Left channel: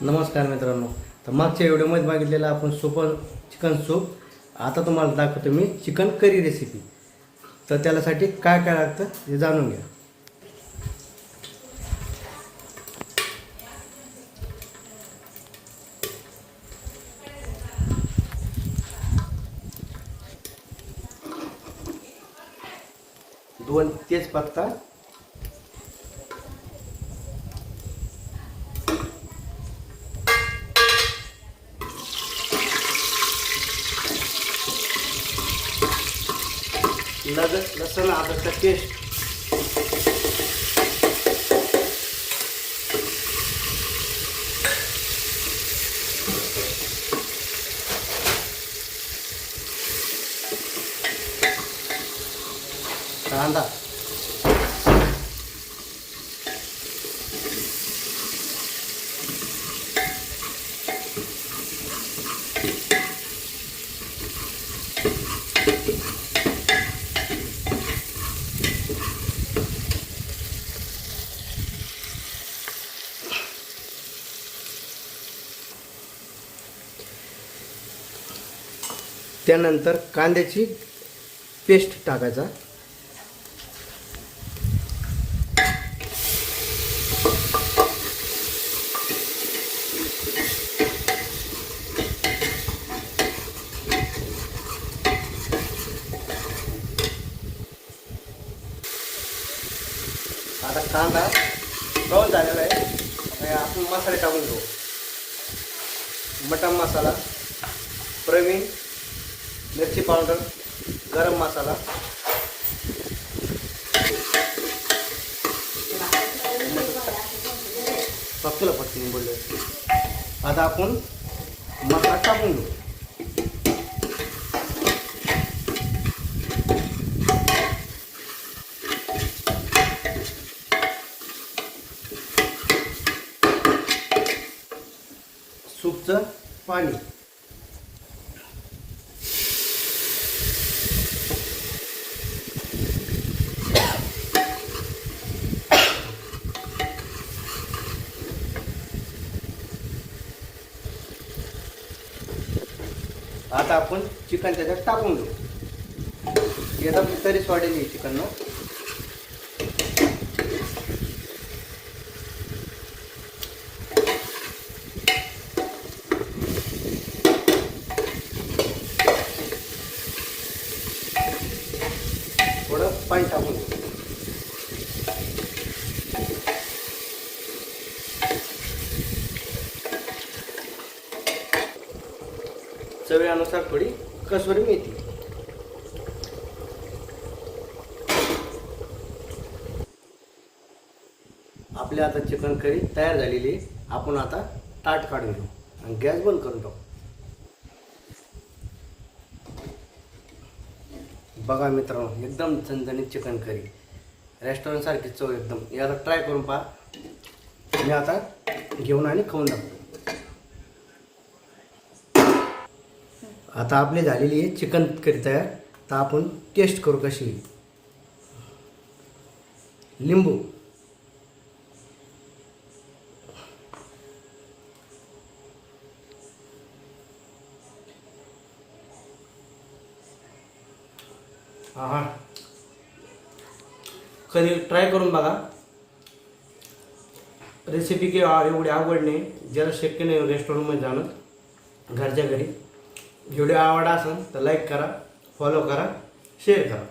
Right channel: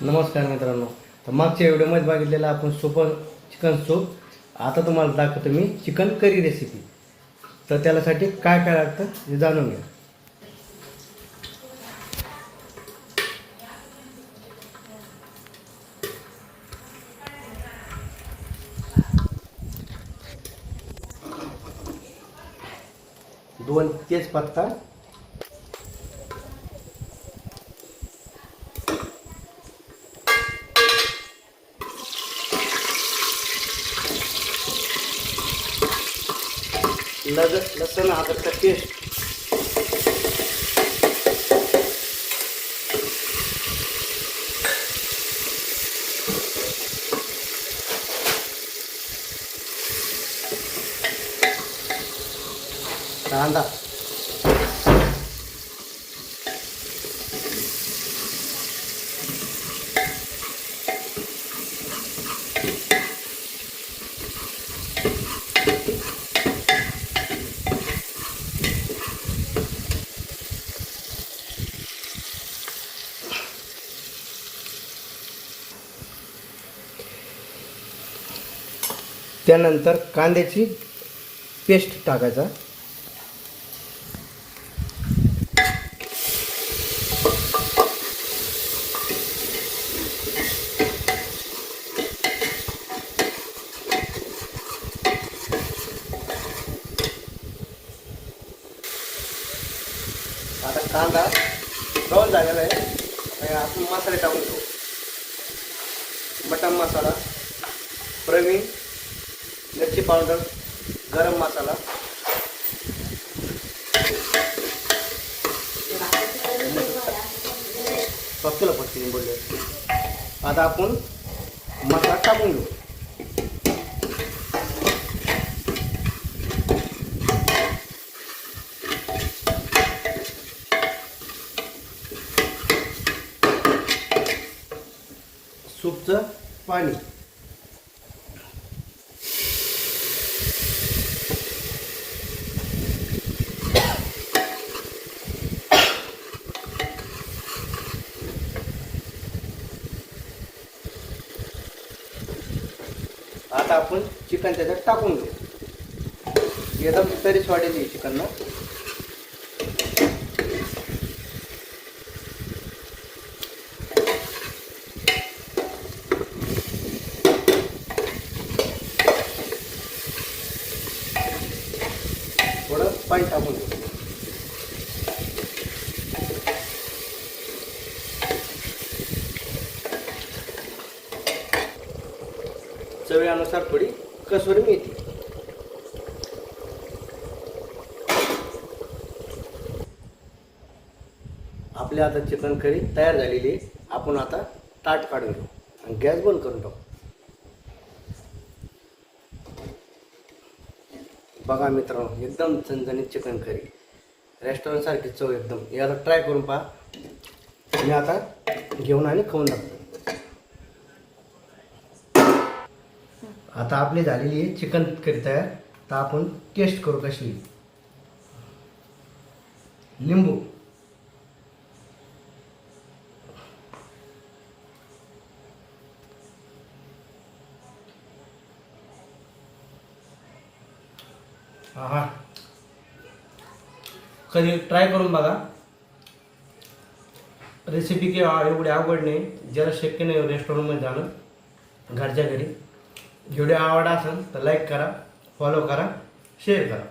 नमस्कार मित्रांनो. तर मागच्या व्हिडिओमध्ये बघितलेलं आपण चिकन सूप. आता तुम्हाला दाखवतो मी चिकन करी रेसिपी. तर त्यासाठी काय काय लागतं हे जाणून घ्या. दोन तेजपत्ता, लसूण अद्रकचा पेस्ट, कांदा, त्यानंतर कांद्याची पेस्ट टाकायचा. आता कांदा तळून झालेला आहे. आपण मसाले टाकून घेऊ. मटन मसाला, प्रवीण, मिरची पावडर, गरम मसाला, पत्ती बोलले. आता आपण मसाला टाकून घेऊ. सूपचं पाणी, आता आपण चिकन त्याच्यात टाकून घेऊ. एकदम तरीच वाढेल चिकन ना. थोडं पाणी टाकून घेऊ. चवीनुसार थोडी कसुरी मेथी. आपली आता चिकन करी तयार झालेली आहे. आपण आता ताट काढून घेऊ आणि गॅस बंद करून टाकू. बघा मित्रांनो, एकदम झणझणीत चिकन करी, रेस्टॉरंट सारखी चव एकदम. याला ट्राय करून पहा. मी आता घेऊन आणि खाऊन दाखवतो. आता आपली झालेली आहे चिकन करी तयार. तर आपण टेस्ट करू कशी. लिंबू, हा, कधी ट्राय करून बघा. रेसिपी की एवढी आवड नाही, ज्याला शक्य नाही रेस्टॉरंटमध्ये जाणं, घरच्या घरी. व्हिडिओ आवडला असेल तर लाईक करा, फॉलो करा, शेअर करा.